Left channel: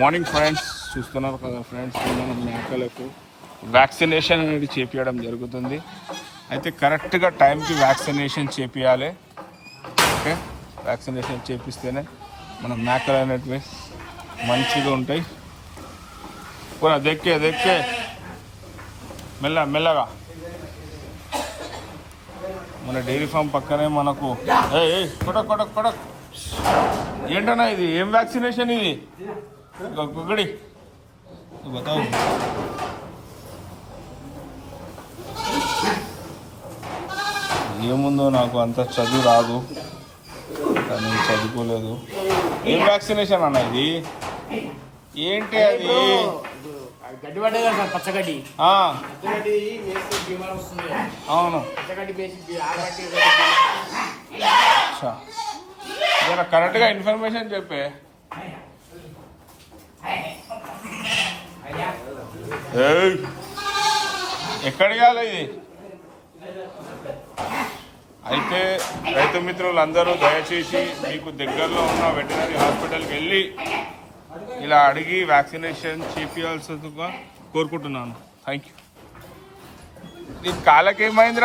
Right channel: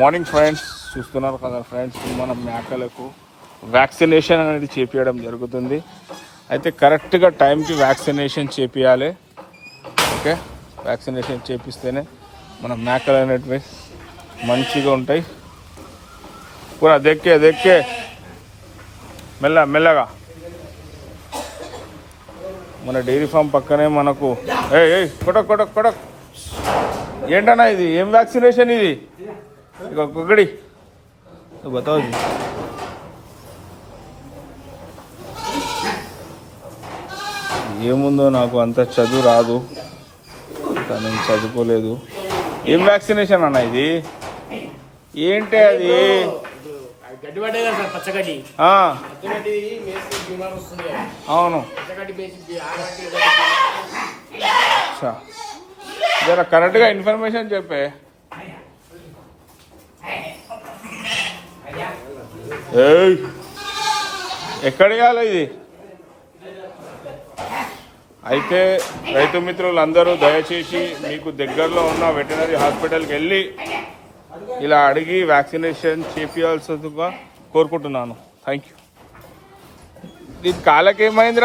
Morning friends, చూస్తున్నారు కదా friends, మనం మేకలకు వ్యాక్సినేషన్ అనేది చేపించడం జరుగుతుంది. అయితే కరెక్ట్గా టైంకి వ్యాక్సినేషన్ చేపియాలి. ఓకే, వ్యాక్సినేషన్ చేపిస్తేనే మన మేకలు అనేటివి మంచిగా ఉంటాయి. పూరా దెక్కే మెల్లగా. మన డైరీ ఫామ్ పక్కనే మనకు కొడక్ ఏంటన్నా ఇది? ఏం వ్యాక్సినేషన్ ఇది? ఒక్కొక్కడి బతావు. ఏముందో నాకు అంత చదువు రాదు, నేను చదువుకోలేదు. ఏం వ్యాక్సినేషన్ అన్న ఇది? ఏంటి అది? గడ్డి పడ్డాయి కదా సార్, పచ్చగడ్డి. పచ్చగడ్డి మేస్తే బీమార్ వస్తుంది. అవును, పచ్చగడ్డి వేసి జర కరెక్ట్గా ఇన్ఫర్మేషన్ చెప్పే. ఎక్కడ ఇవ్వాలి ఇది? అయితే రైతు మిత్రులందరూ దయచేసి మీకు దగ్గరలో ఉన్న వెటనరీ హాస్పిటల్కి వెళ్ళి ఇలా అడిగి వ్యాక్సినేషన్ చేపించాల్సిందిగా కోరుకుంటున్నాను. Thank you. ఈ కాలకేమైంది?